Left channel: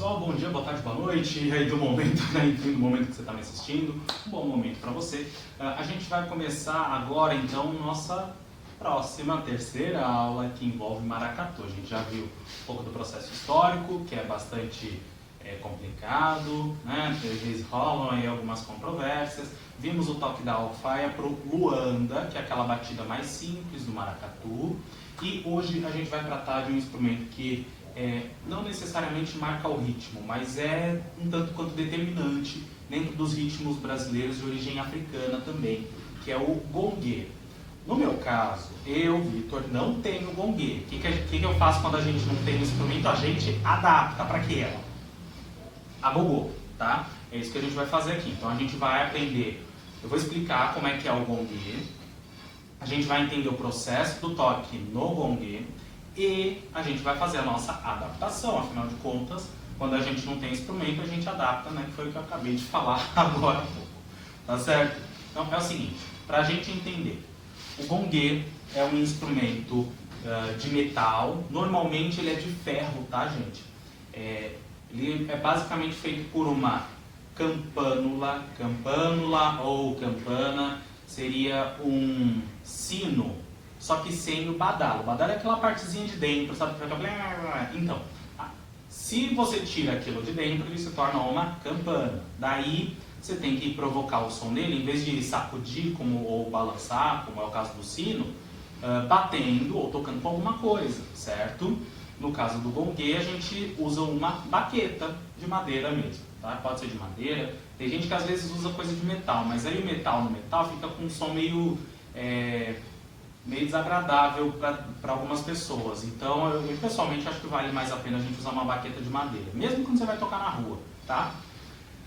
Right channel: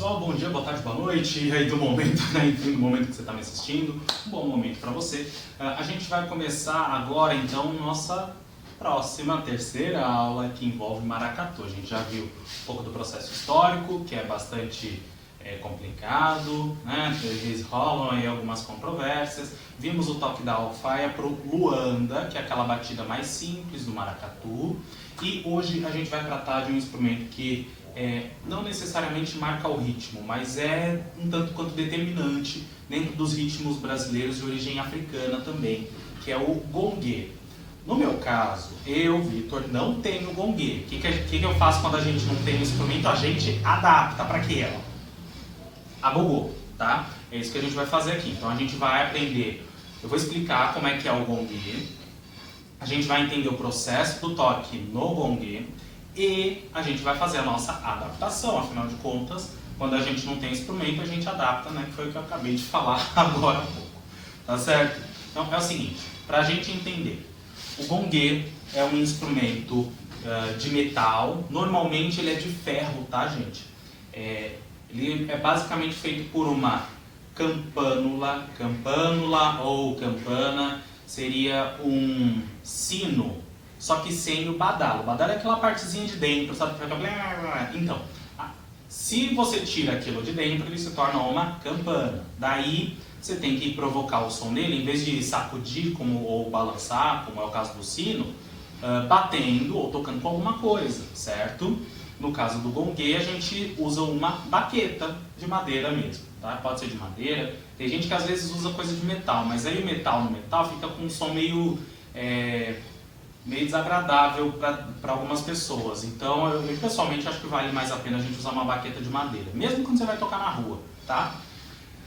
pessoal, bom dia, boa tarde, boa noite, e aí do momento, né, enfim, do momento que você está me assistindo, um bom momento para você. A gente vai começar agora, então, nossa próxima, terceira aula que envolve maracatu. A gente já viu um pouco do processo histórico, que é bastante complicado, né, eles rolam aí algumas controvérsias. Vimos o toque da alfaia para o Luanda, que é aquela batida mais simples do maracatu, e hoje a gente vai tratar de um instrumento que não necessariamente marca o ritmo, mas é um tanto quanto determinante dentro dos ritmos brasileiros de origem africana também, que é o gongue. No meu caso, eu, Vitor, não tenho gongue. O que eu faço quando a gente não tem o instrumento? A gente adapta para aquela. A gogô, tá? É isso que a gente vai fazer aqui. Então a gente vai aprender, eu vou explicar como é que é o gongue, a gente vai entender o processo do toque no gongue, e a gente vai fazer a nossa adaptação. Afinal de contas, quando a gente não tem instrumento, a gente adapta, né? Que foi o que eu acabei de falar agora há pouco. Tá certo? Então é o seguinte, para a gente entender, o gongue é um instrumento de metal. Normalmente ele é de ferro, tá, gente? Ele é basicamente feito por uma campânula ou campana, seria um sino, só que sem o badalo. O badalo é aquela partezinha de dentro, sabe? Então, se você tira aquilo de dentro, ele se torna uma campana. Daí, você tem que provocar o som dele, em vez de sacudir ou balançar, como é o caso do sino, batendo ou tocando com alguma coisa, certo? No caso do gongue, a gente usa uma baqueta de madeira mesmo, tá? Pode ser de madeira. Tem gente que às vezes usa coisa de metal, mas aí o metal no metal fica com um som meio desagradável para algumas pessoas. Então, eu pessoalmente acho que vale mais a pena a gente usar uma baqueta de madeira, mesmo quando você vai tocar na rua, tá?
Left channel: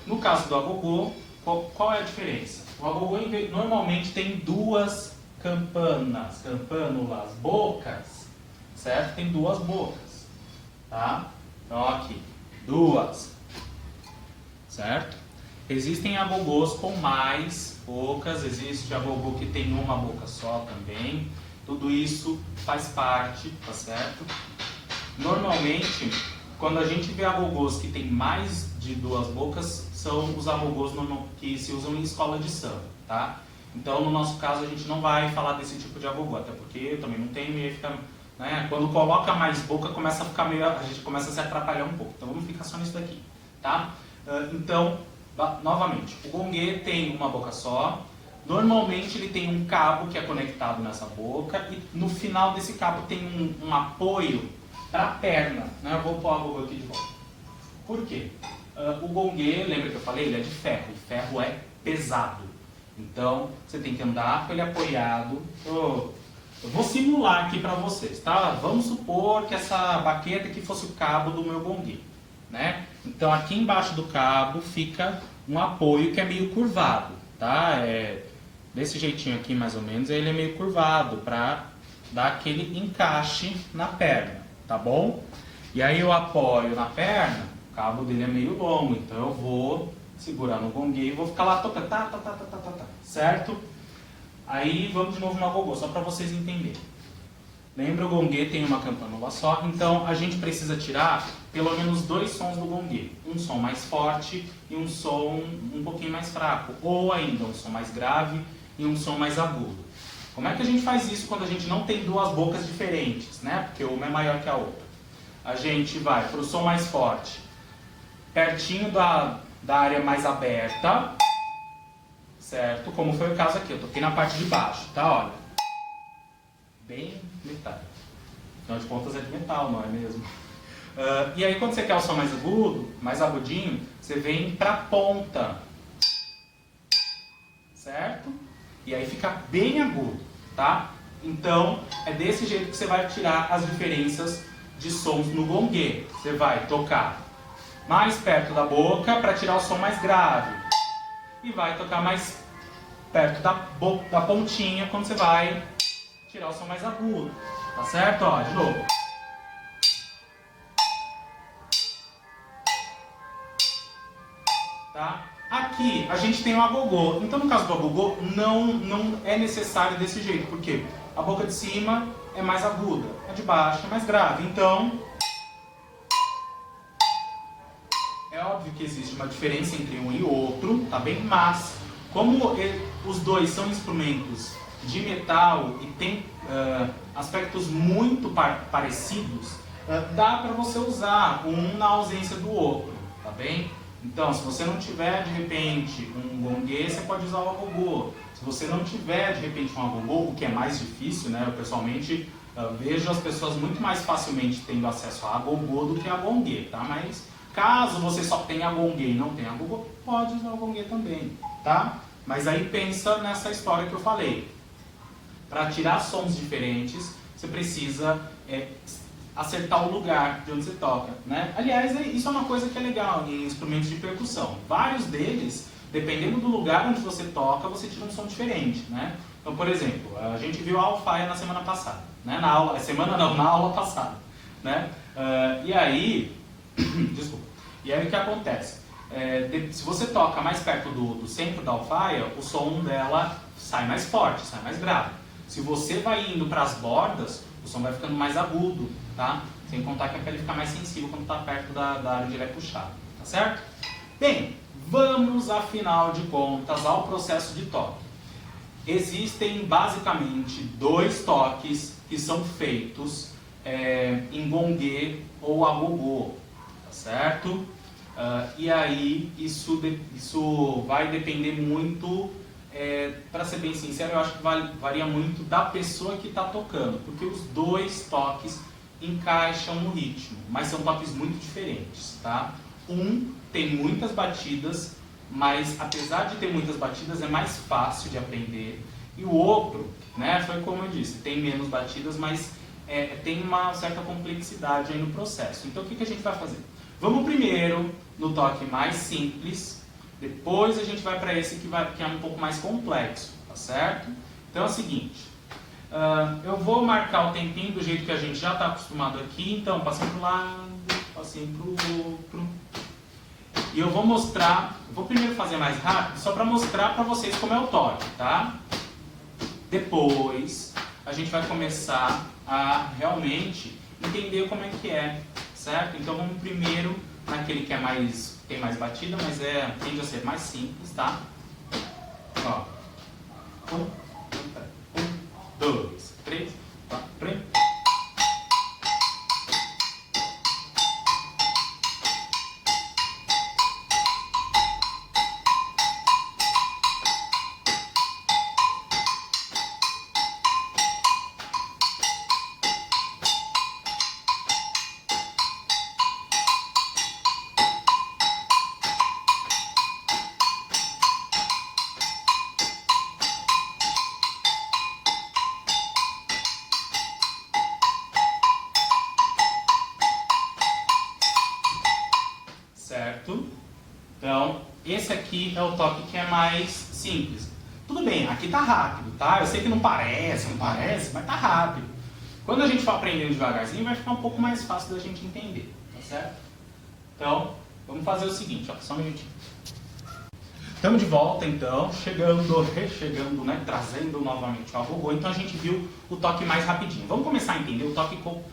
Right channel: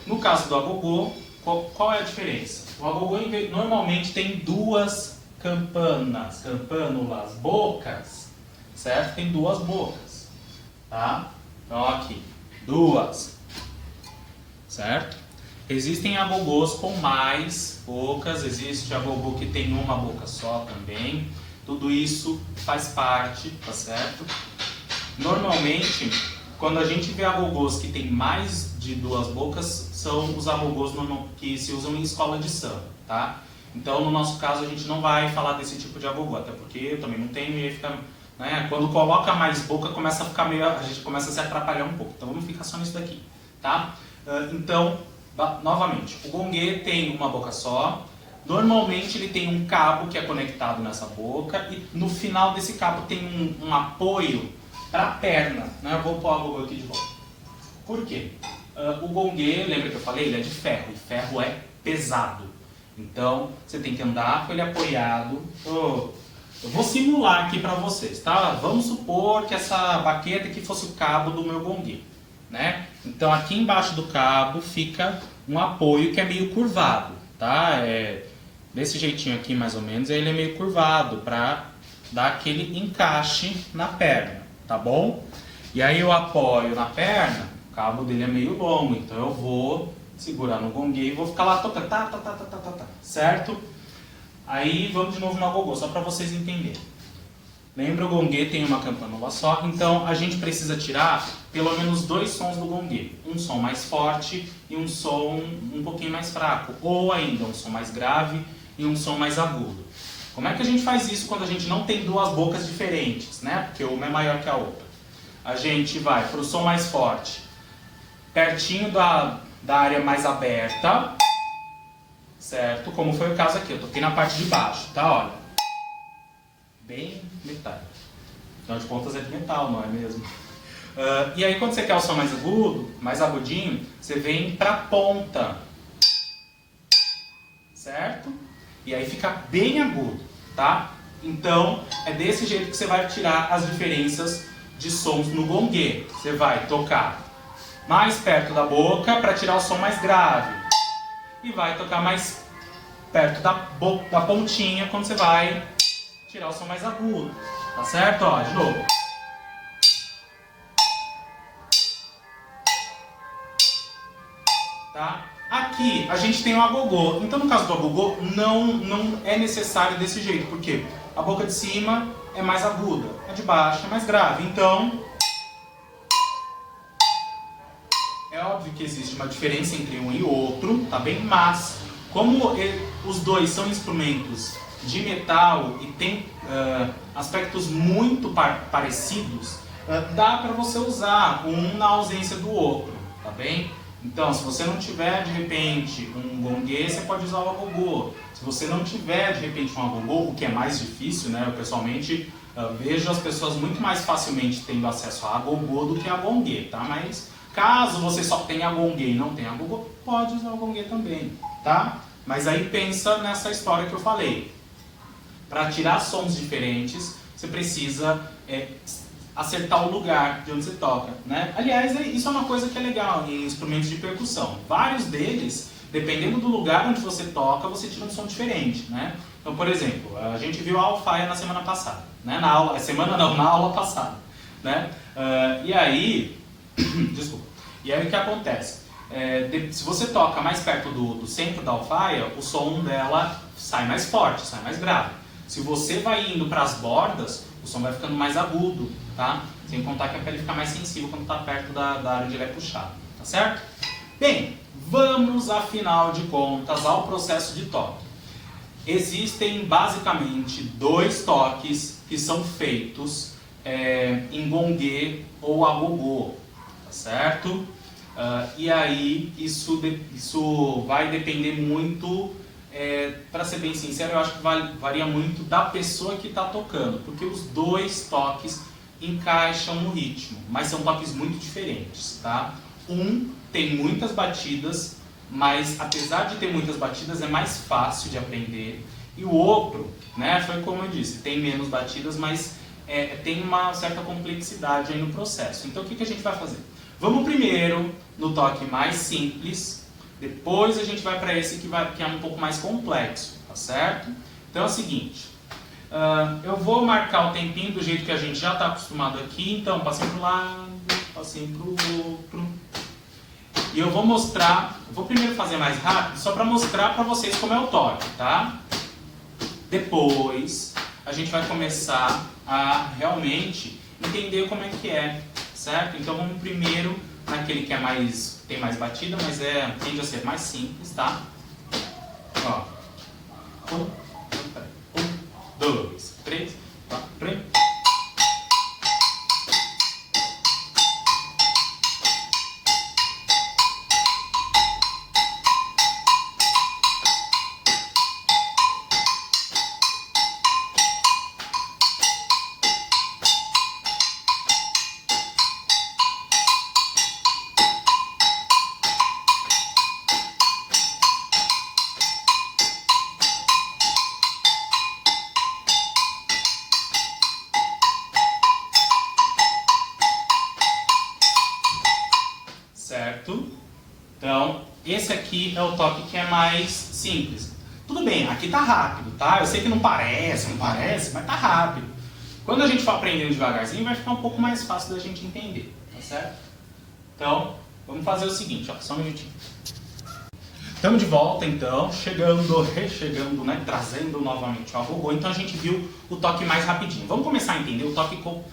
No caso do agogô, qual é a diferença? O agogô normalmente tem duas campânulas, bocas, certo? Tem duas bocas, tá? Então, aqui, duas, certo? Existem agogôs com mais bocas, existe agogô que tem uma boca só também. Tudo isso faz parte, tá certo? Normalmente, quando a gente vê agogôs que tem mais de duas bocas, são os agogôs que se usam em escola de samba, tá? Então, no nosso caso, a gente não vai falar desse tipo de agogô, até porque eu também não tenho e fica, né? Quando coloca mais boca, começa a ficar a gente começa a se atrapalhar um pouco. Então, vamos ficar só nisso daqui, tá? Então, novamente, o gongue tem uma boca só. Normalmente ele tem um cabo que é conectado nessa boca e no final desse cabo tem um apoio para a perna, né? Eu vou pôr a agogô aqui de volta. Por quê? O gongue, lembra que eu falei, ele é de ferro e ferro é pesado. Então você tem que andar com ele apoiado. Eu vou simular aqui para vocês, tá? Vamos supor que essa baqueta aqui fosse o cabo do meu gongue, né? Então aqui embaixo do cabo fica um apoio que é meio curvado, tá? Desse jeitinho aqui mais ou menos, ele é meio curvado para dar aquele encaixe na perna, tá bom? E aí eu apoio na perna, o cabo dele é meio longo, então eu vou segurar no gongue e vou ficar lá tocando, certo? Aí vamos de novo no agogô, só para vocês entenderem. Lembra, o gongue tem uma campânula só, então a gente precisa tirar pelo menos dois sons do gongue. Um som mais forte e um som um pouquinho mais fraco. Ou ainda um som mais grave e um som mais agudo. Como é que a gente faz isso quando a gente não tem duas bocas diferentes, né? Porque uma é maior que a outra. A gente vai para o som mais forte, pertinho da área mais aberta, certo? Como foi o caso aqui, eu toquei na parte de baixo, tá? Olha, bem metal. Afinal de contas é de metal, não é mesmo? E aí quando você quer o som mais agudo, mais agudinho, você vem pra ponta, certo? E aí fica bem agudo, tá? Então é desse jeito que você vai tirar as diferenças de sons no gongue. Você vai tocar mais perto da boca para tirar o som mais grave e vai tocar mais perto da pontinha quando você vai tirar o som mais agudo, tá certo? Ó, de novo. Tá? Aqui a gente tem o agogô. Então no caso do agogô não é necessário desse jeito, porque a boca de cima é mais aguda, a de baixo é mais grave. Então que existe uma diferença entre um e outro, tá bem? Mas, como os dois são instrumentos de metal e tem aspectos muito parecidos, dá para você usar um na ausência do outro, tá bem? Então, se você não tiver, de repente, um gongue, você pode usar o agogô. Se você não tiver, de repente, um agogô, o que é mais difícil, né? Eu, pessoalmente, vejo as pessoas muito mais facilmente tendo acesso a agogô do que a gongue, tá? Mas, caso você só tenha gongue e não tenha agogô, pode usar o gongue também, tá? Mas aí pensa nessa história que eu falei. Para tirar sons diferentes, você precisa acertar o lugar de onde você toca, né? Aliás, isso é uma coisa que é legal em instrumentos de percussão. Vários deles, dependendo do lugar onde você toca, você tira um som diferente, né? Então, por exemplo, a gente viu a alfaia na semana passada, né? Na aula passada, né? E aí, desculpa. E aí o que acontece? Se você toca mais perto do centro da alfaia, o som dela sai mais forte, sai mais grave. Se você vai indo para as bordas, o som vai ficando mais agudo, tá? Sem contar que a pele fica mais sensível quando está perto da área onde ele é puxado, tá certo? Bem, vamos, afinal de contas, ao processo de toque. Existem basicamente 2 toques que são feitos em gongue ou agogô, tá certo? E aí isso vai depender muito, para ser bem sincero, eu acho que varia muito da pessoa que está tocando, porque os 2 toques encaixam no ritmo, mas são toques muito diferentes, tá? Um tem muitas batidas, mas apesar de ter muitas batidas é mais fácil de aprender, e o outro, né, foi como eu disse, tem menos batidas, mas tem uma certa complexidade aí no processo. Então o que a gente vai fazer? Vamos primeiro no toque mais simples, depois a gente vai para esse que é um pouco mais complexo, tá certo? Então é o seguinte, eu vou marcar o tempinho do jeito que a gente já está acostumado aqui, então passei para um lado, passei para o outro, e eu vou mostrar, vou primeiro fazer mais rápido, só para mostrar para vocês como é o toque, tá? Depois a gente vai começar a realmente entender como é que é, certo? Então vamos primeiro naquele que tem mais batida, mas tende a ser mais simples, tá? Ó. 1, 2, 3, 4. Certo? Então, esse aqui é o toque que é mais simples. Tudo bem, aqui tá rápido, tá? Eu sei que não parece, mas tá rápido. Quando a gente for aprendendo devagarzinho, vai ficar um pouco mais fácil da gente entender, tá certo? Então, vamos fazer o seguinte, ó, só um minutinho. Estamos de volta, então, rechegando, né, trazendo novamente o agogô. Então a gente viu o toque mais rapidinho. Vamos começar a entender o toque com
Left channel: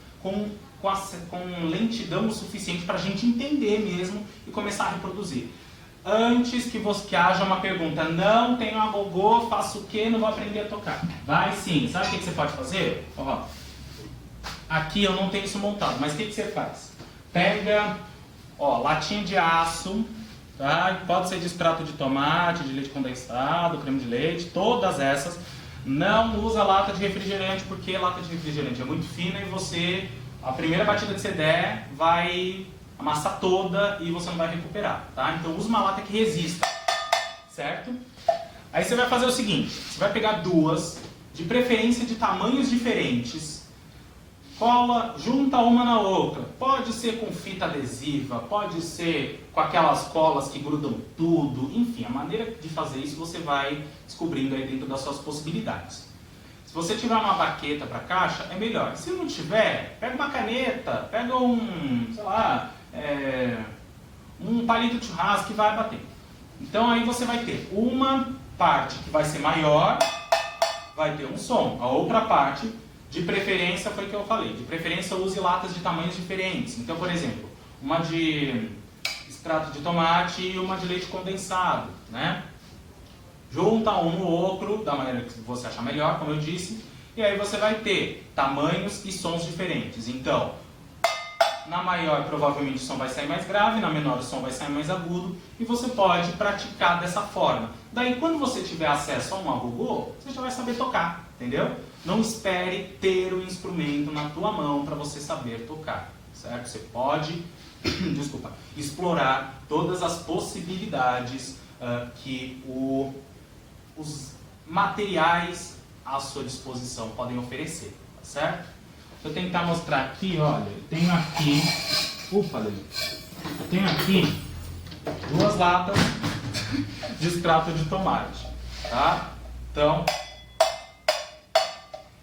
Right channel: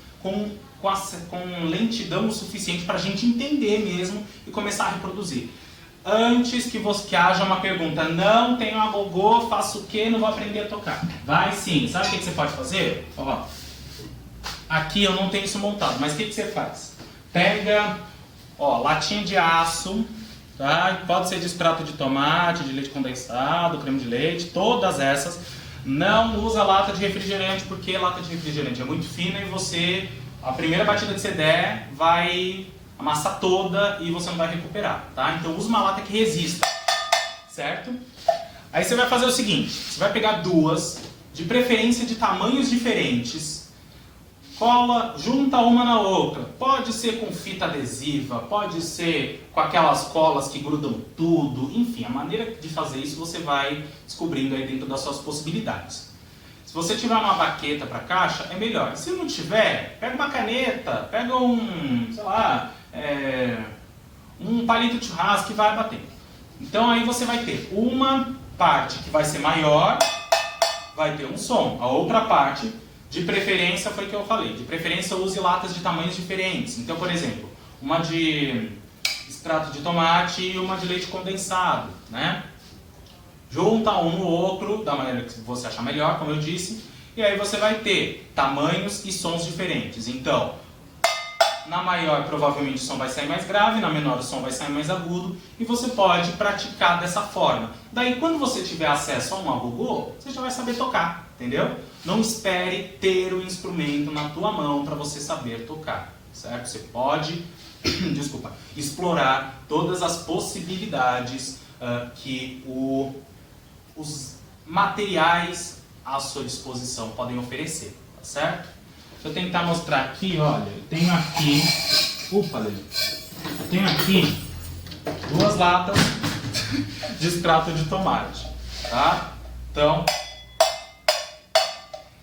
lentidão o suficiente para a gente entender mesmo e começar a reproduzir. Antes que haja uma pergunta, não tenho agogô, faço o quê? Não vou aprender a tocar. Vai sim. Sabe o que você pode fazer? Ó, aqui eu não tenho isso montado, mas o que você faz? Pega, ó, latinha de aço, tá? Pode ser de extrato de tomate, de leite condensado, creme de leite, todas essas. Não usa lata de refrigerante, porque lata de refrigerante é muito fina e a primeira batida que você der vai amassar toda e você não vai recuperar, tá? Então usa uma lata que resista, certo? Aí você vai fazer o seguinte, você vai pegar 2, de preferência de tamanhos diferentes, cola, junta uma na outra. Pode ser com fita adesiva, pode ser com aquelas colas que grudam tudo, enfim, a maneira de fazer isso você vai descobrindo aí dentro das suas possibilidades. Se você tiver uma baqueta para caixa, é melhor. Se não tiver, pega uma caneta, pega um palito de churrasco e vai bater. Então aí você vai ter uma parte que vai ser maior, vai ter um som. A outra parte, de preferência, foi o que eu falei. De preferência, use latas de tamanhos diferentes. Então, por exemplo, uma de extrato de tomate e uma de leite condensado, né? Junta um no outro da maneira que você achar melhor, como eu disse, e aí você vai ter tamanhos e sons diferentes. Então, na maior provavelmente o som vai sair mais grave, na menor o som vai sair mais agudo, e você pode praticar dessa forma. Daí quando você tiver acesso a um agogô, você já vai saber tocar, entendeu? Não espere ter o instrumento na tua mão para você saber tocar, certo? Você pode, explorar todas as possibilidades que os materiais à sua disposição podem oferecer, tá certo? Deixa eu tentar mostrar aqui, olha, eu tenho aqui, eu tenho aqui 2 latas de extrato de tomate, tá? Então,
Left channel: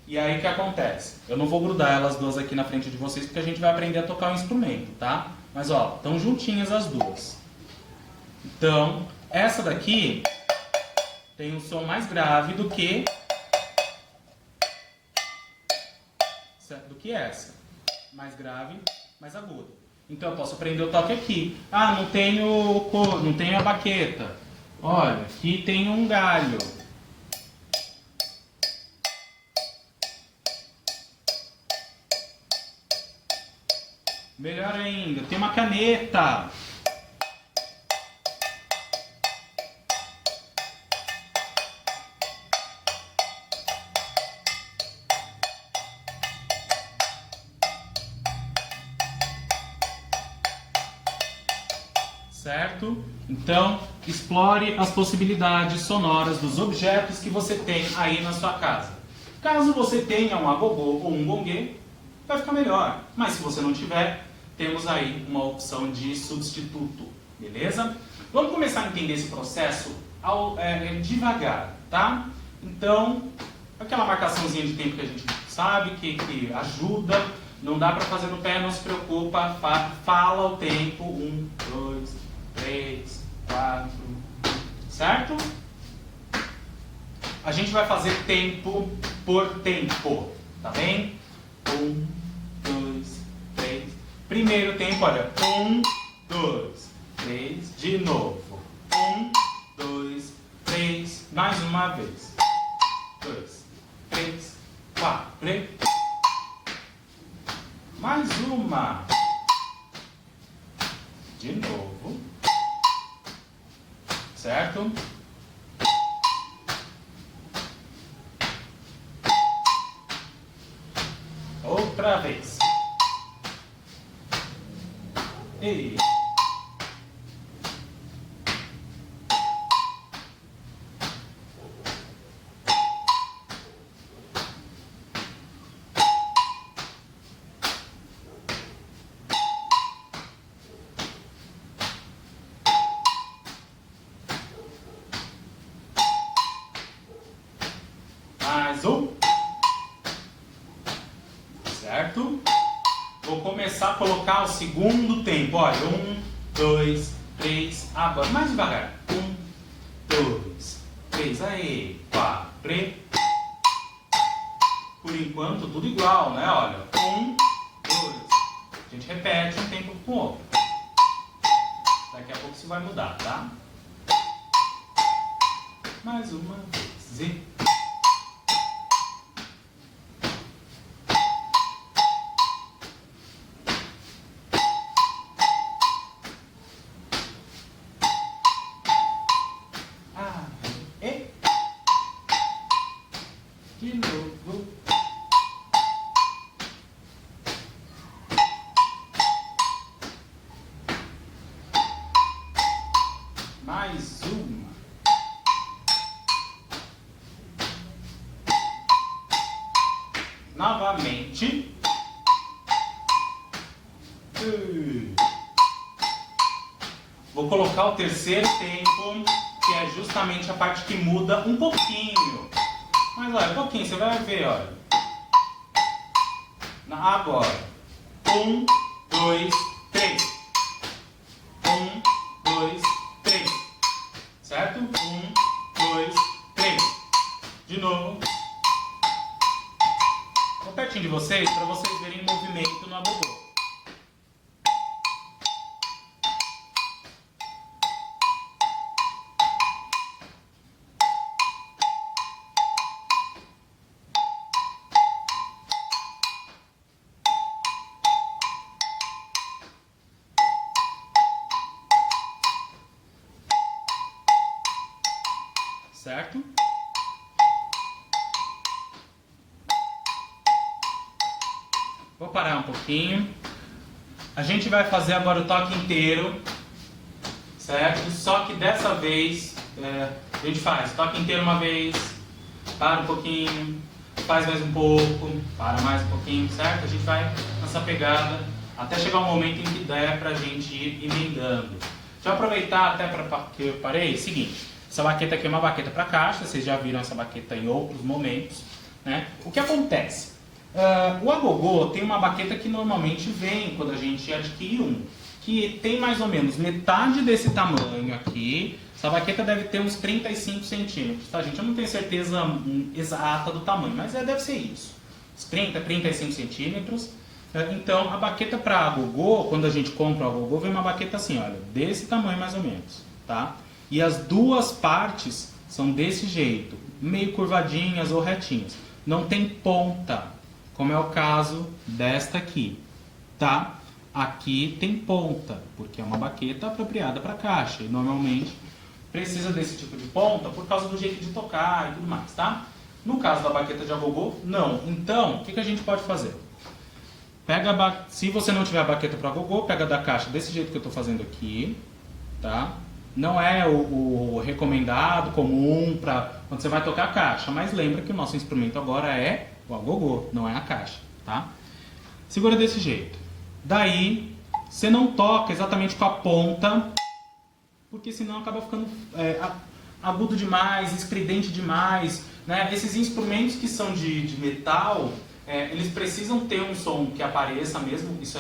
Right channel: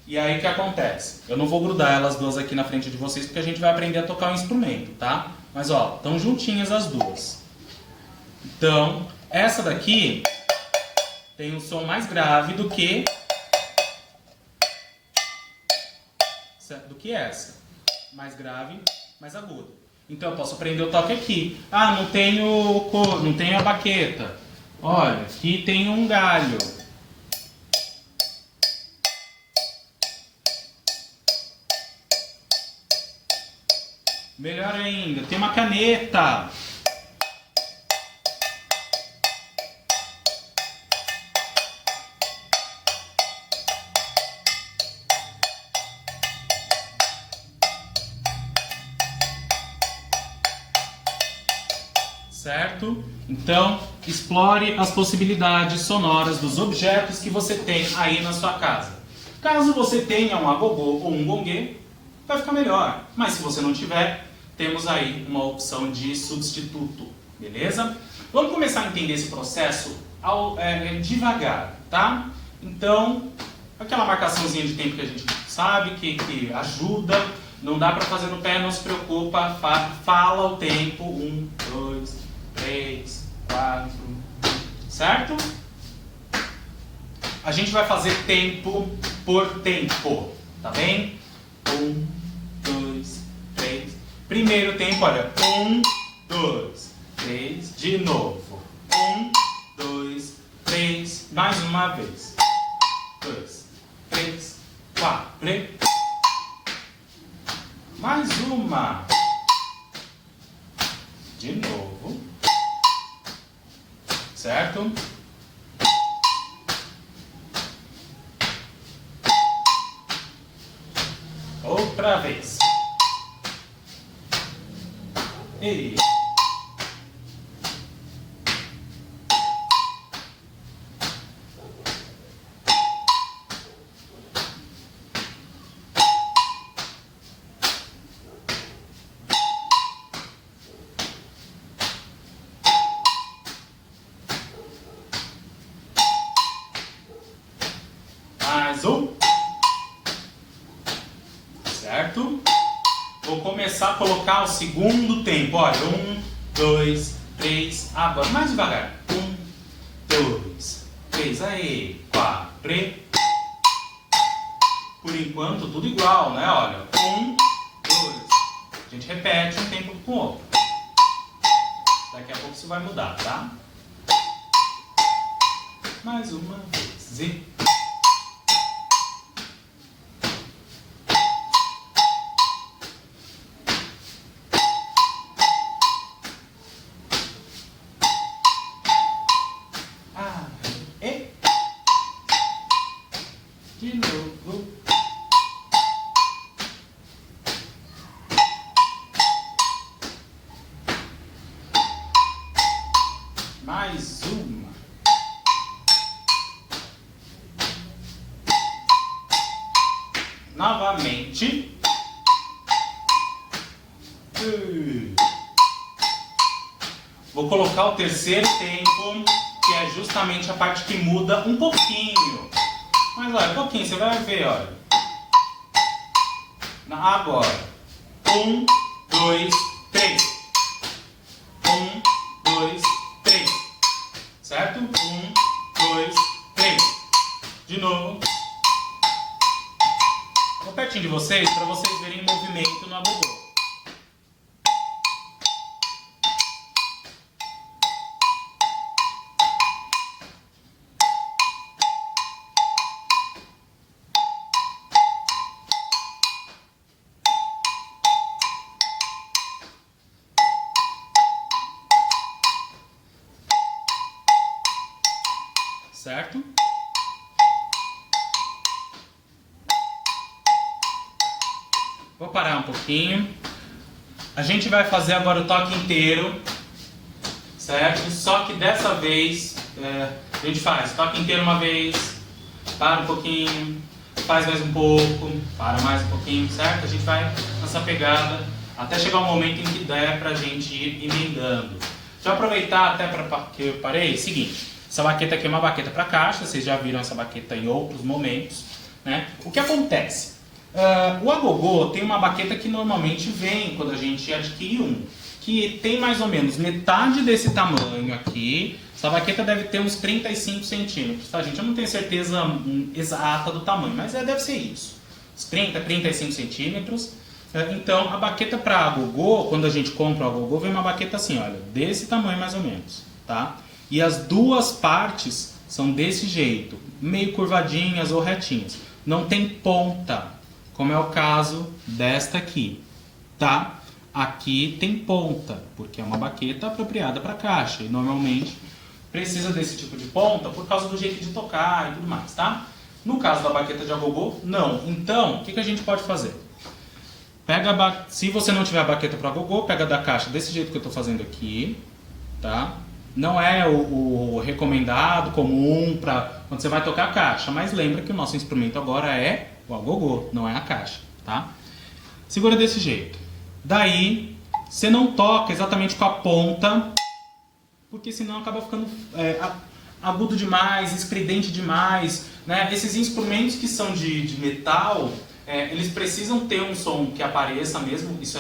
e aí o que acontece? Eu não vou grudar elas duas aqui na frente de vocês porque a gente vai aprender a tocar o instrumento, tá? Mas ó, estão juntinhas as duas. Então, essa daqui tem um som mais grave do que essa. Mais grave, mais agudo. Então eu posso aprender o toque aqui. Ah, não tenho a baqueta. Olha, aqui tem um galho. Melhor ainda, tem uma caneta. Certo? Então, explore as possibilidades sonoras dos objetos que você tem aí na sua casa. Caso você tenha um agogô ou um gongue, vai ficar melhor. Mas se você não tiver, temos aí uma opção de substituto. Beleza? Vamos começar a entender esse processo devagar, tá? Então, aquela marcaçãozinha de tempo que a gente sabe, que ajuda. Não dá para fazer no pé, não se preocupa. Fala o tempo. 1, 2, 3, 4, certo? A gente vai fazer tempo por tempo, tá bem? 1, 2, 3. Primeiro tempo, olha. 1, 2, 3. De novo. 1, 2, 3. Mais uma vez. 2, 3, 4. Mais uma. De novo. Certo? Outra vez. E... mais um. Certo? Vou começar a colocar o segundo tempo. Olha, 1, 2, 3. Agora, mais devagar. 1, 2, 3. Aí, 4. Por enquanto, tudo igual, né? Olha, 1, 2. A gente repete um tempo com o outro. Daqui a pouco isso vai mudar, tá? Mais uma vez. E... de novo. Mais uma. Novamente. Vou colocar o terceiro tempo, que é justamente a parte que muda um pouquinho. Mas olha, um pouquinho, você vai ver, olha. Agora. 1, 2, 3. 1, 2, 3. Certo? 1, 2, 3. De novo. Vou pertinho de vocês, para vocês verem o movimento no agogô. certo? Vou parar um pouquinho. A gente vai fazer agora o toque inteiro, certo? Só que dessa vez a gente faz toque inteiro uma vez, para um pouquinho, faz mais um pouco, para mais um pouquinho, certo? A gente vai nessa pegada até chegar um momento em que der pra gente ir emendando. Deixa eu aproveitar até para que eu parei, seguinte, essa baqueta aqui é uma baqueta para caixa, vocês já viram essa baqueta em outros momentos, né? O que acontece? O agogô tem uma baqueta que normalmente vem quando a gente adquire um, que tem mais ou menos metade desse tamanho aqui. Essa baqueta deve ter uns 35 centímetros, tá, gente? Eu não tenho certeza exata do tamanho, mas deve ser isso. Uns 30, 35 centímetros. Então, a baqueta para agogô, quando a gente compra o agogô, vem uma baqueta assim, olha, desse tamanho mais ou menos, tá? E as duas partes são desse jeito, meio curvadinhas ou retinhas. Não tem ponta, como é o caso desta aqui, tá? Aqui tem ponta, porque é uma baqueta apropriada para caixa e normalmente precisa desse tipo de ponta por causa do jeito de tocar e tudo mais, tá? No caso da baqueta de agogô, não. Então, o que a gente pode fazer? Se você não tiver a baqueta para agogô, pega da caixa desse jeito que eu estou fazendo aqui, tá? Não é o recomendado, comum, para quando você vai tocar a caixa, mas lembra que o nosso instrumento agora é o agogô, não é a caixa, tá? Segura desse jeito. Daí, você não toca exatamente com a ponta, porque senão acaba ficando agudo demais, estridente demais, né? Esses instrumentos que são de metal, eles precisam ter um som que apareça mesmo, isso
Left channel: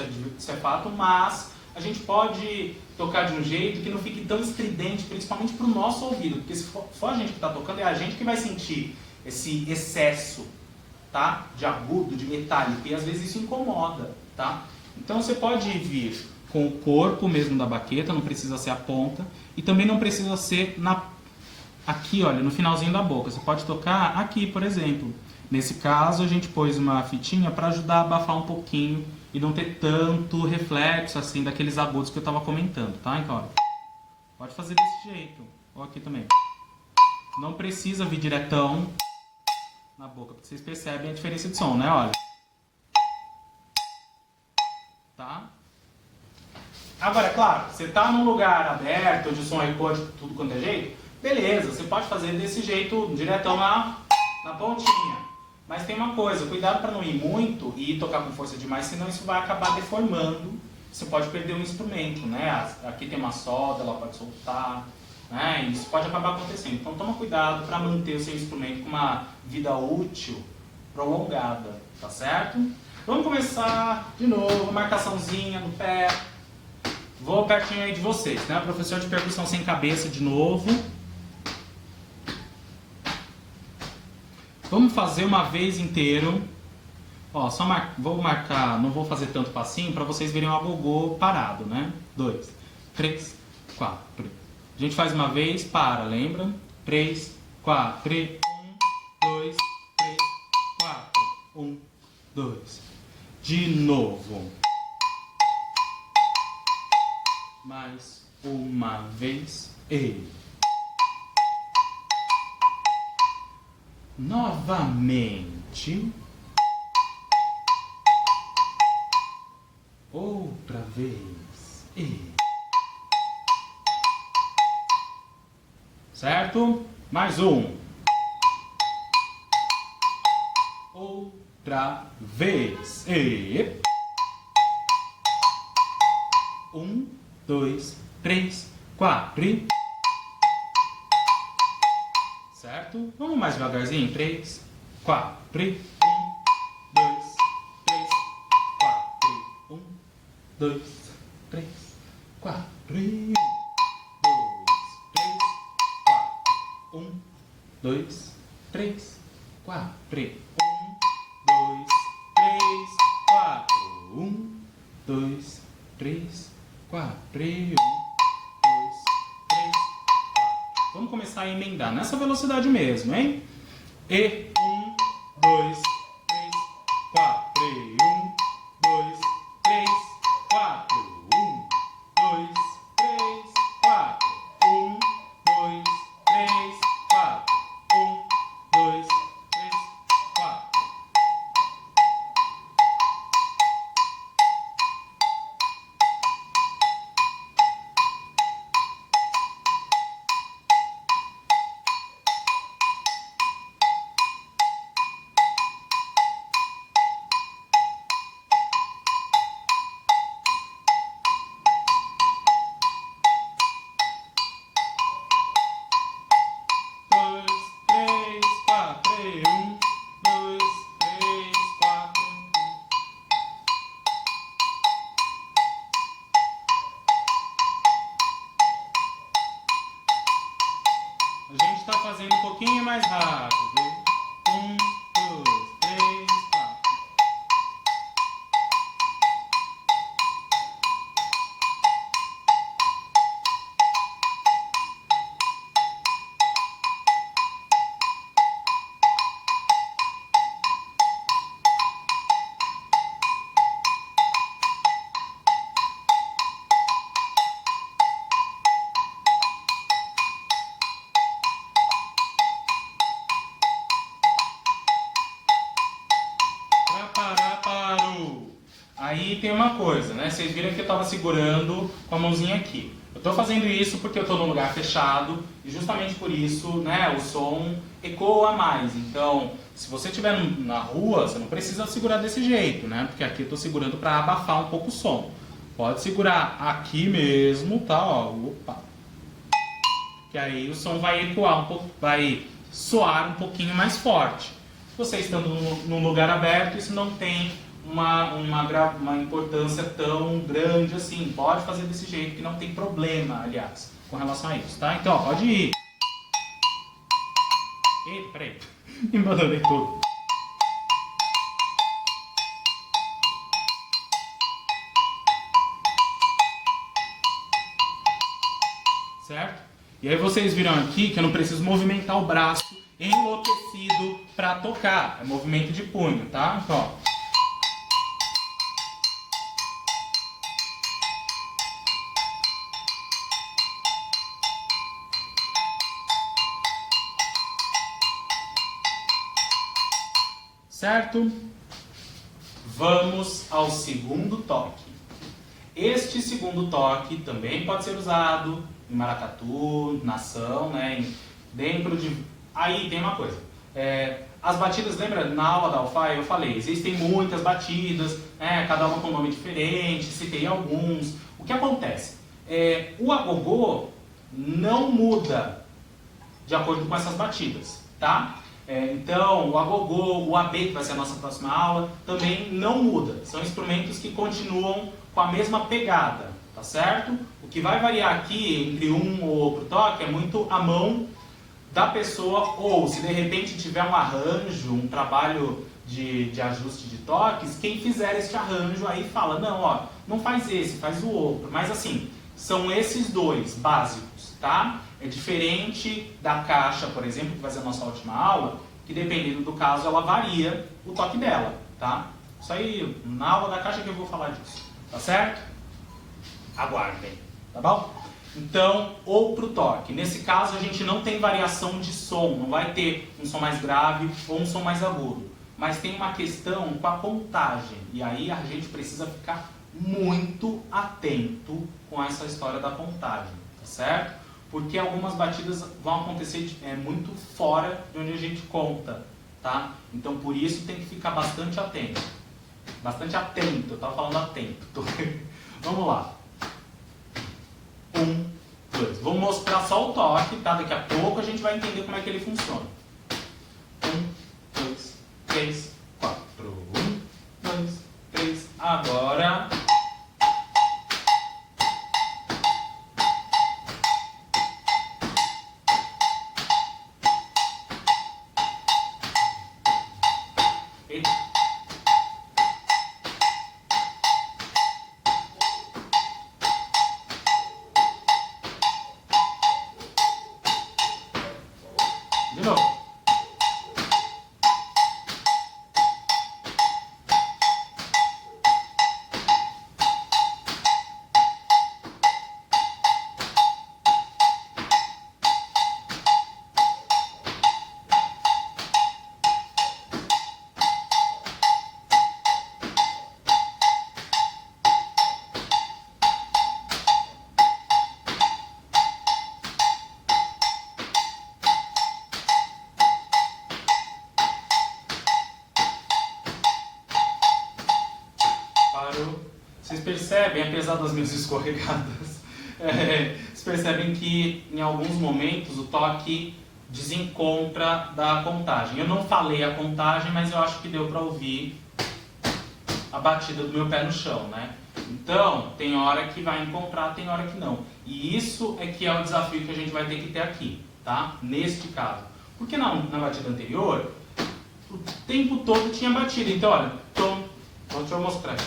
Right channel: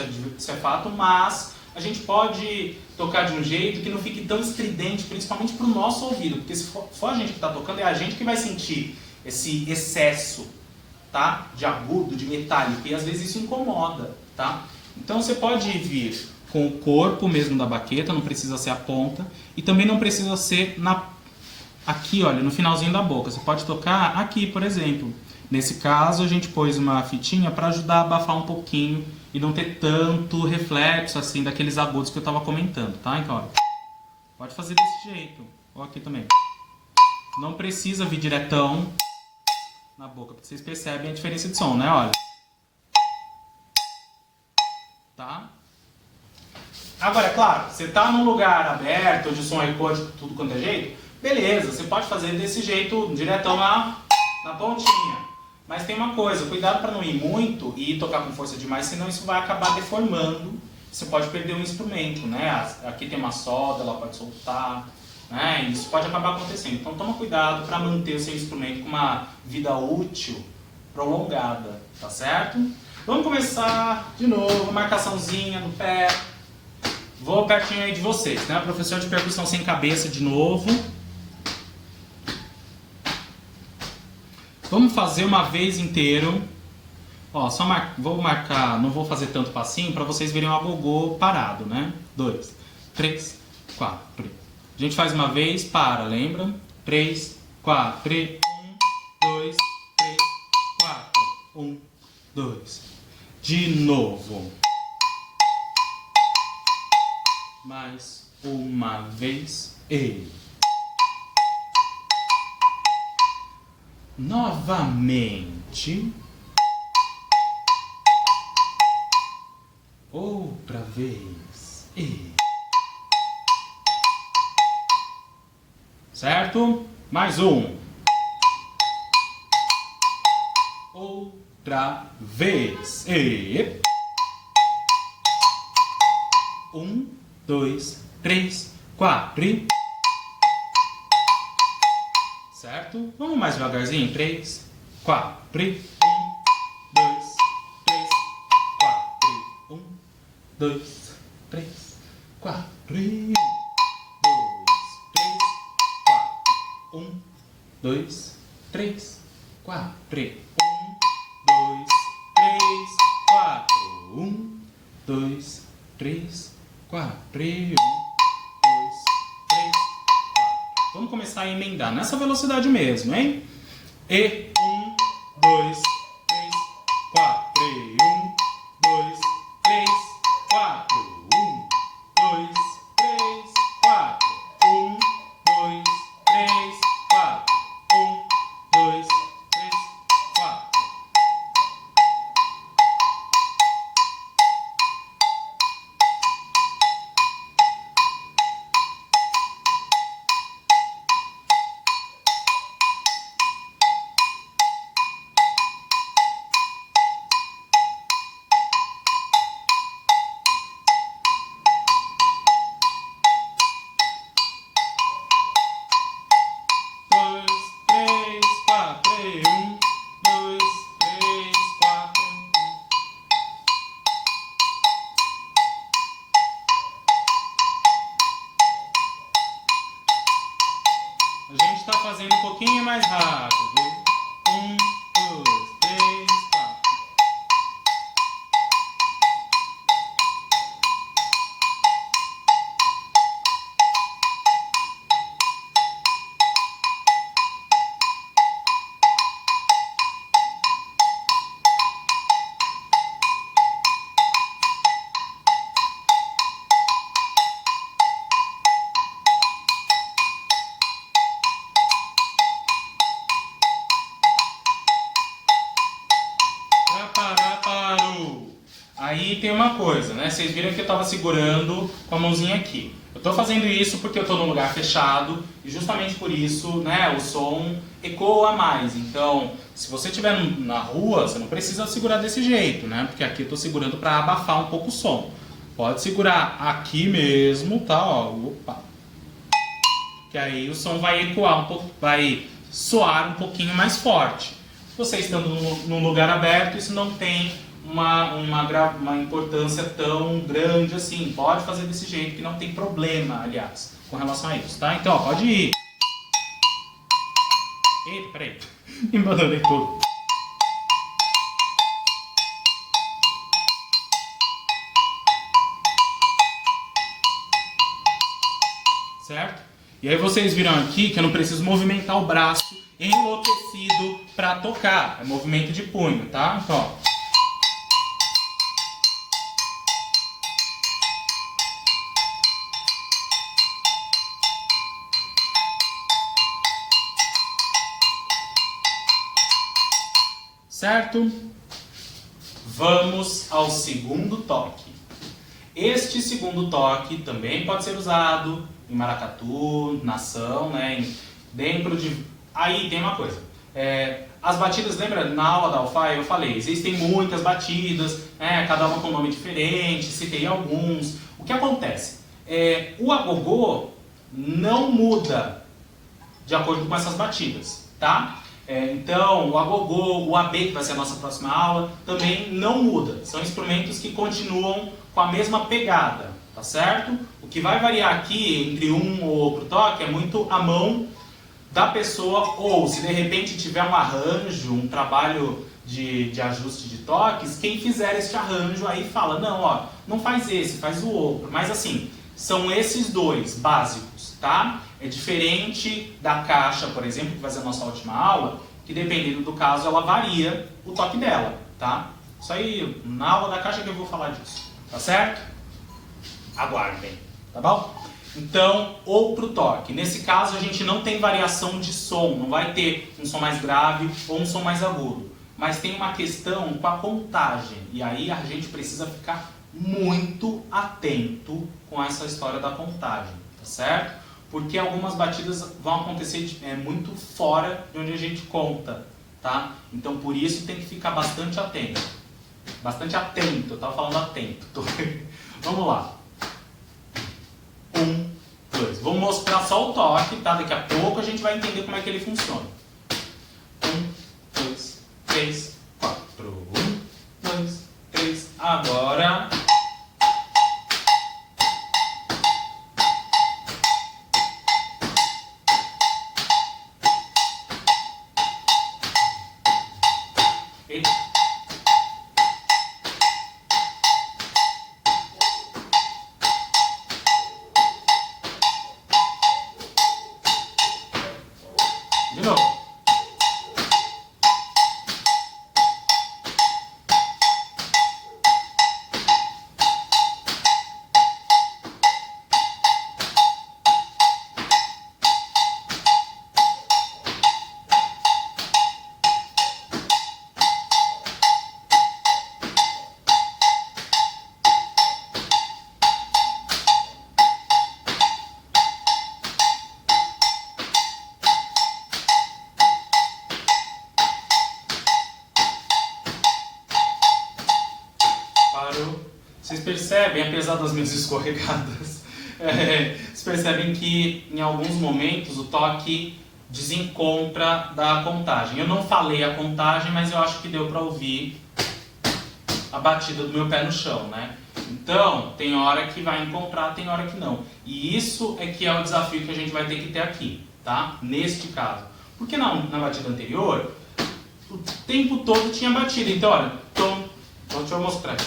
é fato, mas a gente pode tocar de um jeito que não fique tão estridente, principalmente para o nosso ouvido, porque se for a gente que está tocando, é a gente que vai sentir esse excesso, tá? De agudo, de metálico, e às vezes isso incomoda, tá? Então você pode vir com o corpo mesmo da baqueta, não precisa ser a ponta, e também não precisa ser aqui, olha, no finalzinho da boca. Você pode tocar aqui, por exemplo. Nesse caso, a gente pôs uma fitinha para ajudar a abafar um pouquinho e não ter tanto reflexo assim daqueles agudos que eu estava comentando, tá? Então, olha, pode fazer desse jeito, ou aqui também. Não precisa vir diretão na boca, porque vocês percebem a diferença de som, né? Olha. Tá? Agora, é claro, você está num lugar aberto, onde o som ecoa de tudo quanto é jeito, beleza, você pode fazer desse jeito, diretão na pontinha. Mas tem uma coisa, cuidado para não ir muito e tocar com força demais, senão isso vai acabar deformando, você pode perder o instrumento, né? Aqui tem uma solda, ela pode soltar, né? E isso pode acabar acontecendo. Então toma cuidado para manter o seu instrumento com uma vida útil prolongada, tá certo? Vamos começar de novo, marcaçãozinha no pé. Vou pertinho aí de vocês, né? Professor de percussão sem cabeça de novo. Vamos fazer uma vez inteiro. Ó, vou marcar, não vou fazer tanto passinho para vocês verem o agogô parado, né? 2, 3, 4. A gente faz uma vez, para, lembra? 3, 4, 1, 2, 3, 4, 1, 2. De novo. Mais uma vez e novamente. Outra vez e certo? Mais um. Outra vez e 1, 2, 3, 4. Certo? Vamos mais devagarzinho. 3, 4. 1, 2, 3, 4. 1, 2, 3, 4. 2, 3, 4. 1, 2, 3, 4. 1, 2, 3, 4. 1, 2, 3, 4. 2, 3, 4. Vamos começar a emendar nessa velocidade mesmo, hein? E 1, 2, 3, 4. 1, 2, 3, 4. 1, 2, 3, 4. 1, 2, 3, 4. fazendo um pouquinho mais rápido. 1, 2, 3, 4. Aí tem uma coisa, né? Vocês viram que eu estava segurando com a mãozinha aqui. Eu estou fazendo isso porque eu estou num lugar fechado e justamente por isso, né, o som ecoa mais. Então, se você estiver na rua, você não precisa segurar desse jeito, né? Porque aqui eu estou segurando para abafar um pouco o som. Pode segurar aqui mesmo, tá? Ó, opa. Que aí o som vai ecoar um pouco, vai soar um pouquinho mais forte. Você estando num lugar aberto, isso não tem uma importância tão grande assim. Pode fazer desse jeito que não tem problema, aliás, com relação a isso, tá? Então, ó, pode ir. Eita, peraí. Embananei todo. Certo? E aí vocês viram aqui que eu não preciso movimentar o braço enlouquecido para tocar. É movimento de punho, tá? Então, ó. Certo? Vamos ao segundo toque. Este segundo toque também pode ser usado em maracatu, nação, né? Dentro de... Aí tem uma coisa. As batidas, lembra? Na aula da Alfaia eu falei, existem muitas batidas, cada uma com um nome diferente, citei alguns. O que acontece? O agogô não muda de acordo com essas batidas, tá? Então, o agogô, o AB, que vai ser a nossa próxima aula, também não muda. São instrumentos que continuam com a mesma pegada, tá certo? O que vai variar aqui entre um ou outro toque é muito a mão da pessoa, ou se de repente tiver um arranjo, um trabalho de ajuste de toques, quem fizer esse arranjo aí fala, não, ó, não faz esse, faz o outro. Mas assim, são esses dois básicos, tá? É diferente da caixa, por exemplo, que vai ser a nossa última aula, que dependendo do caso ela varia o toque dela, tá? Isso aí, na aula da caixa que eu vou falar disso, tá certo? Aguardem, tá bom? Então, outro toque. Nesse caso a gente não tem variação de som, não vai ter um som mais grave ou um som mais agudo. Mas tem uma questão com a contagem, e aí a gente precisa ficar muito atento com essa história da contagem, tá certo? Porque algumas batidas vão acontecer muito fora de onde a gente conta, tá? Então por isso tem que ficar bastante atento. Bastante atento, eu estava falando atento. Vamos lá. 1, 2. Vou mostrar só o toque, tá? Daqui a pouco a gente vai entender como é que ele funciona. 1, 2, 3, 4. 1, 2, 3. Agora... De novo. Vocês percebem, apesar das minhas escorregadas, vocês percebem que em alguns momentos o toque desencontra da contagem. Eu não falei a contagem, mas eu acho que deu para ouvir a batida do meu pé no chão, né? Então, tem hora que vai encontrar, tem hora que não. E isso é que é o desafio que a gente vai ter que ter aqui, tá? Neste caso. Porque na batida anterior, o tempo todo tinha batida. Então, olha, deixa eu mostrar aqui.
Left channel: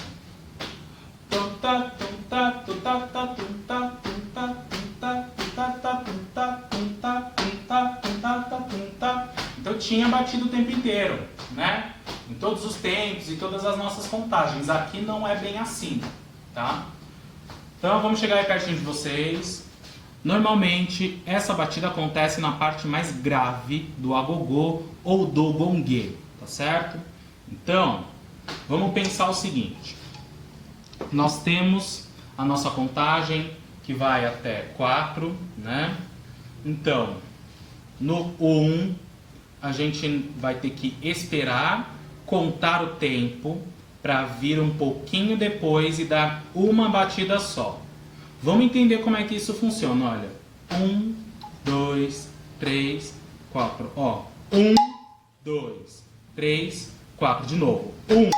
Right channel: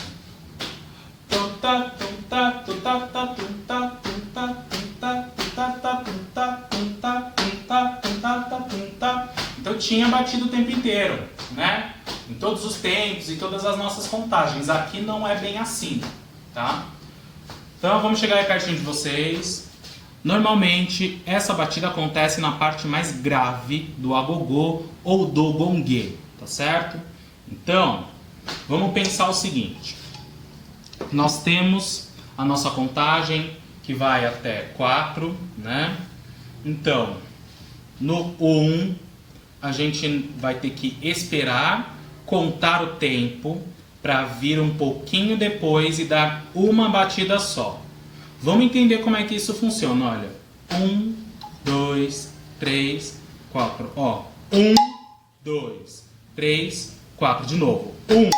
Então tinha batido o tempo inteiro, né? Em todos os tempos e todas as nossas contagens. Aqui não é bem assim, tá? Então vamos chegar aí pertinho de vocês. Normalmente essa batida acontece na parte mais grave do agogô ou do gongue, tá certo? Então, vamos pensar o seguinte. Nós temos a nossa contagem que vai até 4, né? Então, no 1, a gente vai ter que esperar, contar o tempo, para vir um pouquinho depois e dar uma batida só. Vamos entender como é que isso funciona, olha. 1, 2, 3, 4. Ó, 1, 2, 3, 4. De novo. 1,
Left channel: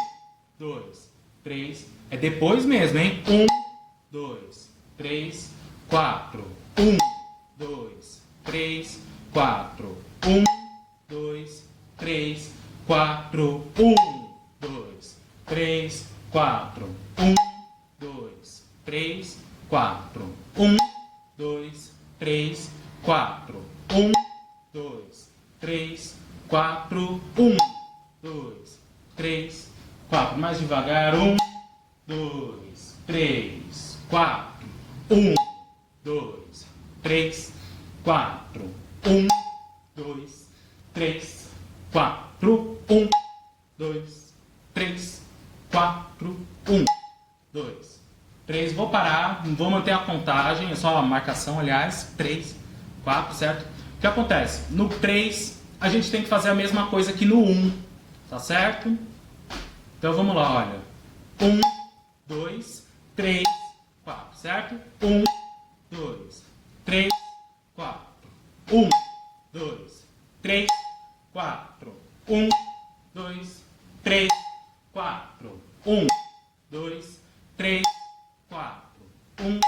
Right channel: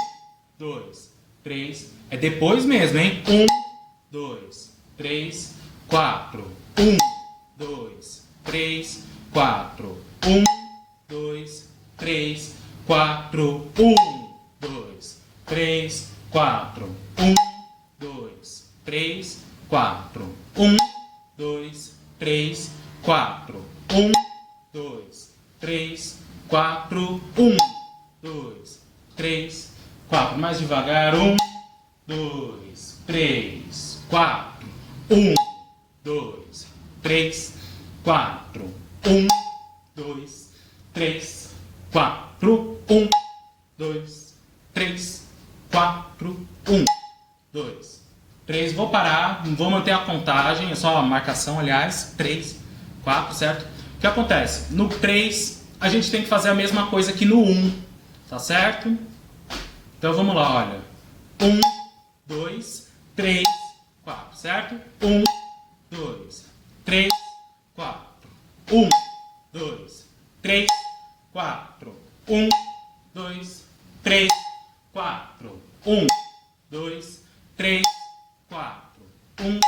2, 3. É depois mesmo, hein? 1, 2, 3, 4. 1, 2, 3, 4. 1, 2, 3, 4. 1, 2, 3, 4. 1, 2, 3, 4. 1, 2, 3, 4. 1, 2, 3, 4. 1, 2, 3, 4. Mais devagar. 1, 2, 3, 4. 1, 2, 3, 4. 1, 2, 3, 4. 1, 2, 3, 4. 1, 2, 3. Vou parar, vou manter a contagem, é só a marcação, aliás. 3, 4, certo? O que acontece? No 3, a gente tem que fazer a mesma coisa que no 1, tá certo? Então vamos lá, olha. 1, 2, 3, 4, certo? 1, 2, 3, 4. 1, 2, 3, 4. 1, 2, 3, 4. 1, 2, 3, 4. 1,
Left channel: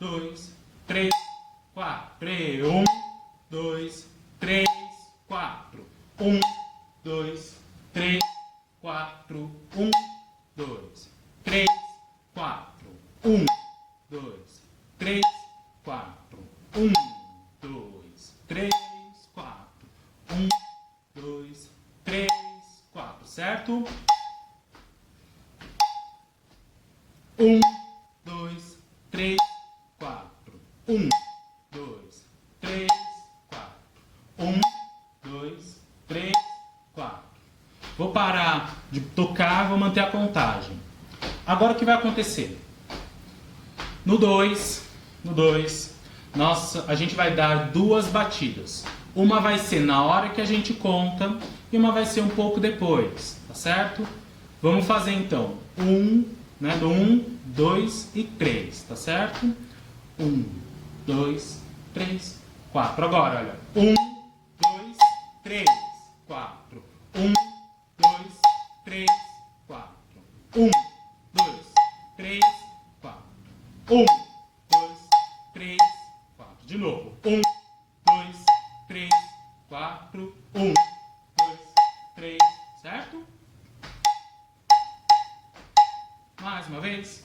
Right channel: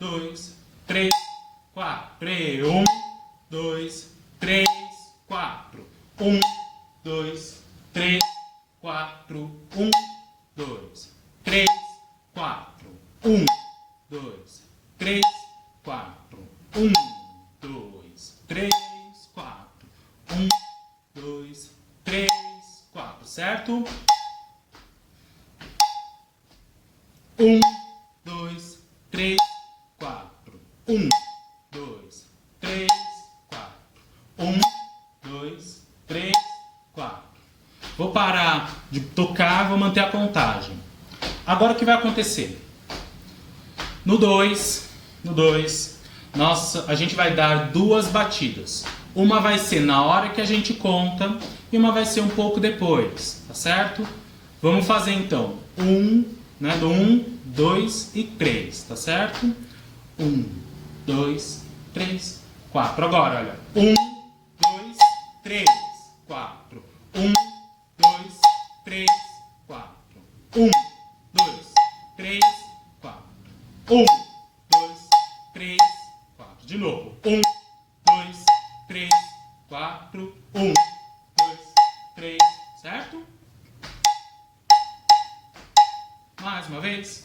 2, 3, 4. 1, 2, 3, 4. 1, 2, 3, 4. 1, 2, 3, 4. 1, 2, 3, 4. 1, 2, 3, 4. 1, 2, 3, 4. Certo? 1, 2, 3, 4. 1, 2, 3, 4. 1, 2, 3, 4. Vou parar de tocar, vou manter a contagem. Agora o que vai acontecer? No 2, a gente vai dar duas batidas. Uma vai ser na hora que a gente conta e uma vai ser um pouco depois, tá certo? Vamos fazer então 1, né, do 1, 2 e 3, tá certo? 1, 2, 3, 4. Agora, olha. 1, 2, 3, 4. 1, 2, 3, 4. 1, 2, 3, 4. 1, 2, 3, 4. De novo. 1, 2, 3, 4. 1, 2, 3. Certo? Mais uma vez.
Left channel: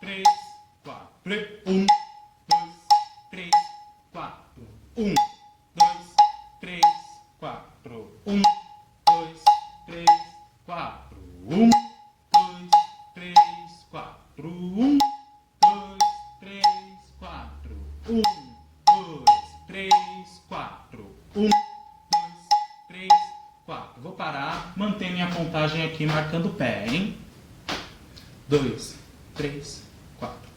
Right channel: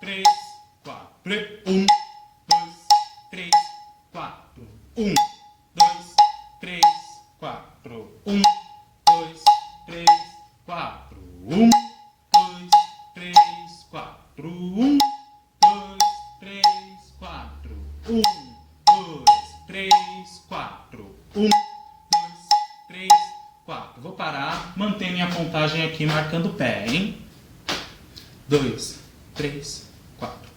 3, 4. 1, 2, 3, 4. 1, 2, 3, 4. 1, 2, 3, 4. 1, 2, 3, 4. 1, 2, 3, 4. 1, 2, 3, 4. 1, 2, 3, 4. Vou parar, manter minha contagem aqui marcando o pé, hein? 2, 3, 4.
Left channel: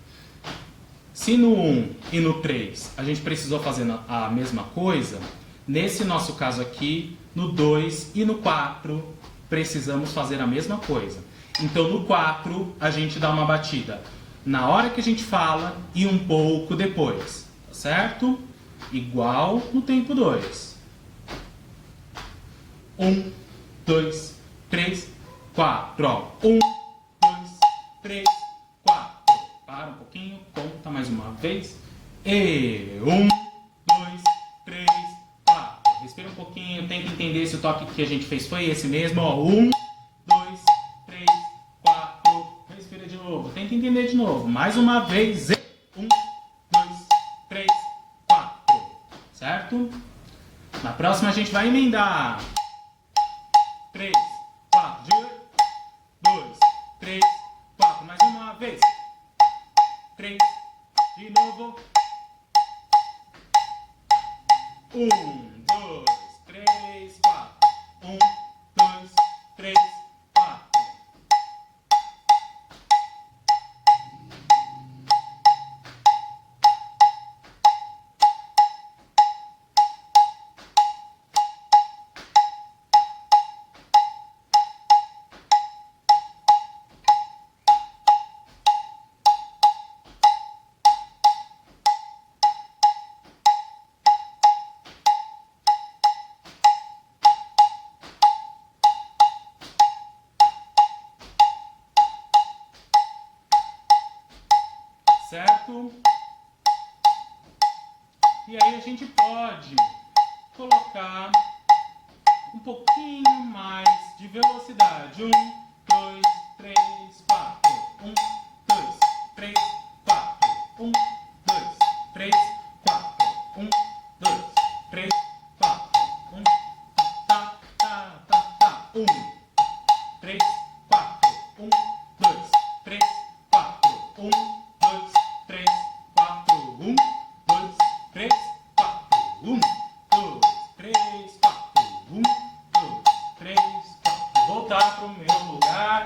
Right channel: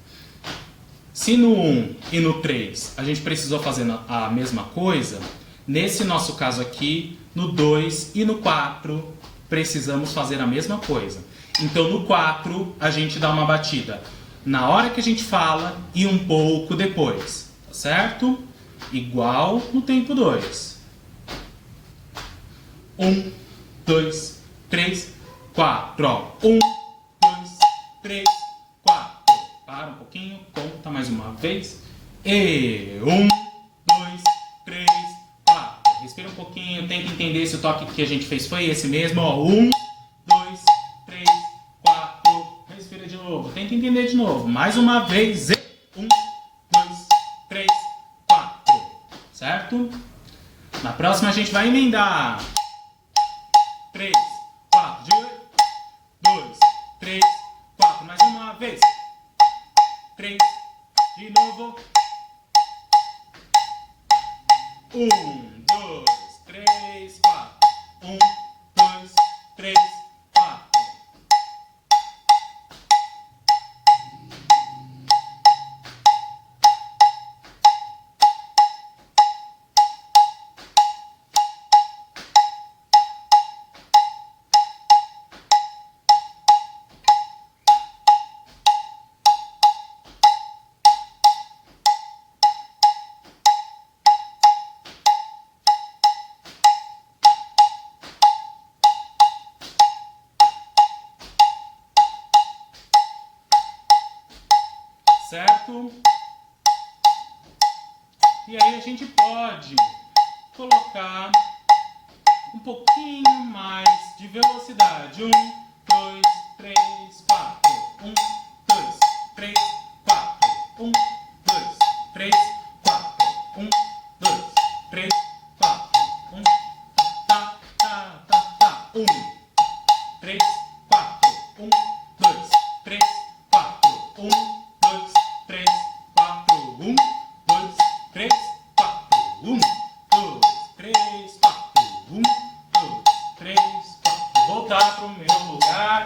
Se no 1 e no 3 a gente precisou fazer a mesma coisa, nesse nosso caso aqui, no 2 e no 4, precisamos fazer a mesma coisa. Então no 4 a gente dá uma batida na hora que a gente fala e um pouco depois, tá certo? Igual no tempo 2. 1, 2, 3, 4. Ó. 1, 2, 3, 4. Para um pouquinho, conta mais uma vez. E 1, 2, tenta entender se o toque que a gente fez foi esse mesmo. Ó, 1, 2, 3, 4. Respira de novo. Tenta entender de novo. Mais uma vez. 1, 2, 3, 4. Certo? Na próxima a gente vai emendar. 3, 4. 2, 3, 4. Mais uma vez. 3. De novo. 1, 2, 3, 4. 1, 2, 3, 4. Certo? E aí a gente pode colocar um pouquinho mais de velocidade. 1, 2, 3, 4. 1, 2, 3, 4. 1, 2, 3, 4. 1, 2, 3, 4. 1, tá, tá, tá, tá. 1, 3, 4. 1, 2, 3, 4. 1, 2, 3, 4. 1, 2, 3, 4. 1, 2, 3, 4. 1, 2, 3, 4. Voltar para o meu lugar.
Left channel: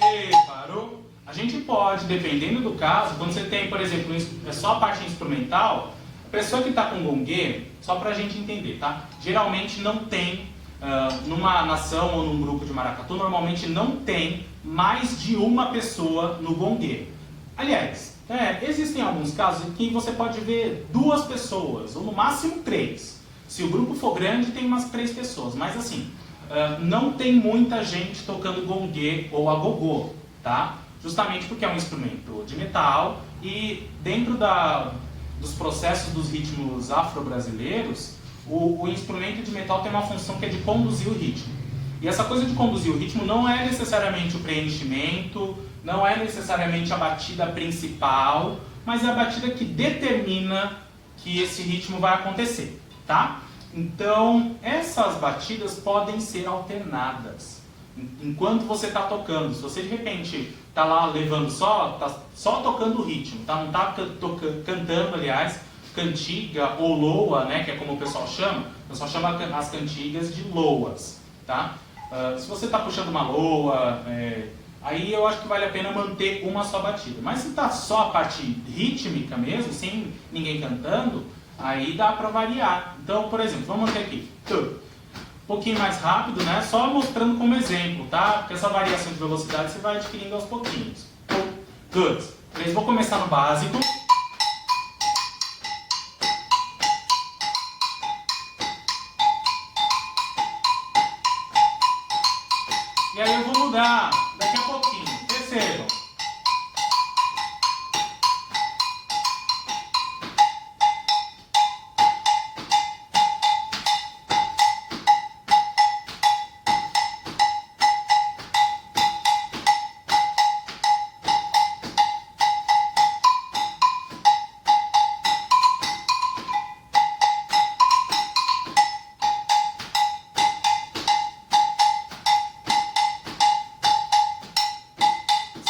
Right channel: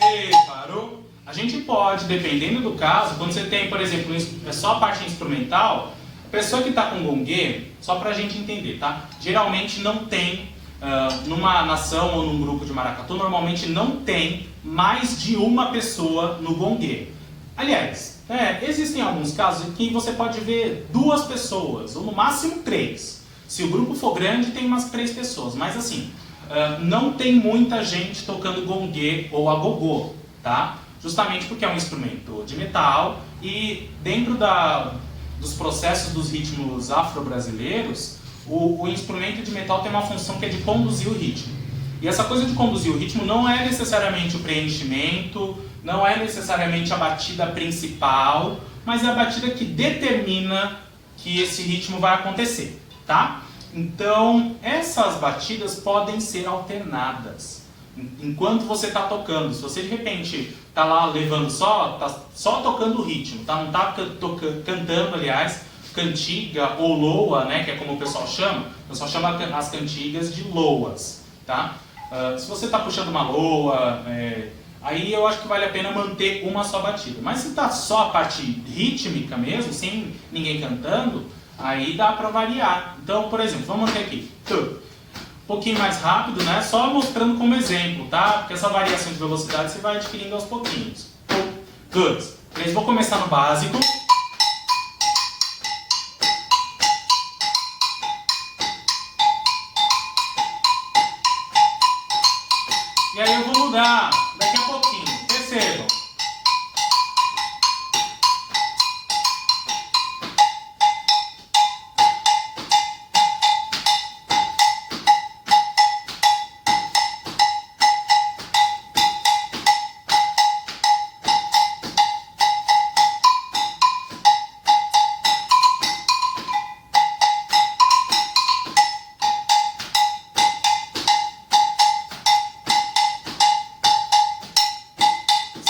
E parou. A gente pode, dependendo do caso, quando você tem, por exemplo, só a parte instrumental, a pessoa que está com gongue, só para a gente entender, tá? Geralmente não tem, numa nação ou num grupo de maracatu, normalmente não tem mais de uma pessoa no gongue. Aliás, existem alguns casos em que você pode ver 2 pessoas, ou no máximo 3. Se o grupo for grande, tem umas 3 pessoas. Mas assim, não tem muita gente tocando gongue ou agogô, tá? Justamente porque é um instrumento de metal e dentro dos processos dos ritmos afro-brasileiros, o instrumento de metal tem uma função que é de conduzir o ritmo. E essa coisa de conduzir o ritmo não é necessariamente o preenchimento, não é necessariamente a batida principal, mas é a batida que determina que esse ritmo vai acontecer, tá? Então, essas batidas podem ser alternadas enquanto você está tocando. Se você de repente está lá levando tá só tocando o ritmo, tá? Não está cantando, aliás, cantiga ou loa, né? Que é como o pessoal chama. O pessoal chama as cantigas de loas, tá? Se você está puxando uma loa, aí eu acho que vale a pena manter uma só batida. Mas se está só a parte rítmica mesmo, sem ninguém cantando, aí dá para variar. Então, por exemplo, vamos manter aqui. Um pouquinho mais rápido, né? Só mostrando como exemplo, tá? Porque essa variação de velocidade você vai adquirindo aos pouquinhos. 1, 2, 3. Vou começar no básico. E aí eu vou mudar daqui a pouquinho. Percebam.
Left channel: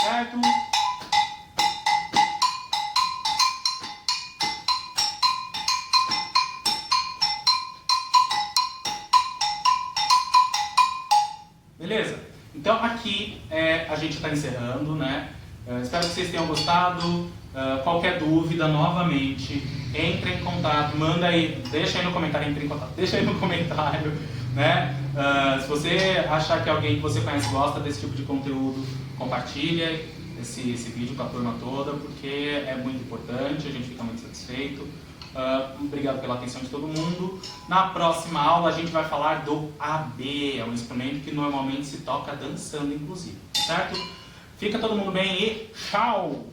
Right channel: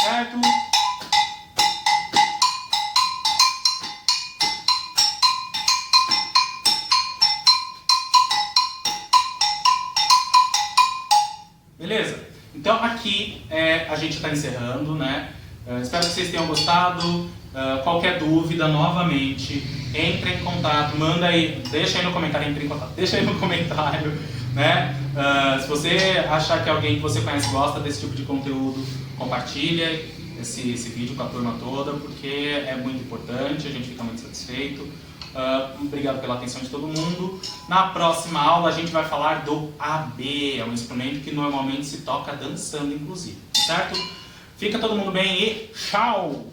Certo? Beleza? Então aqui a gente está encerrando, né? Espero que vocês tenham gostado. Qualquer dúvida, novamente, entre em contato, manda aí, deixa aí no comentário, entre em contato, deixa aí no comentário, né? Se você achar que alguém que você conhece gosta desse tipo de conteúdo, compartilha esse vídeo com a turma toda, porque é muito importante, a gente fica muito satisfeito. Obrigado pela atenção de todo mundo. Na próxima aula a gente vai falar do AB, é um instrumento que normalmente se toca dançando, inclusive, certo? Fica todo mundo bem e tchau!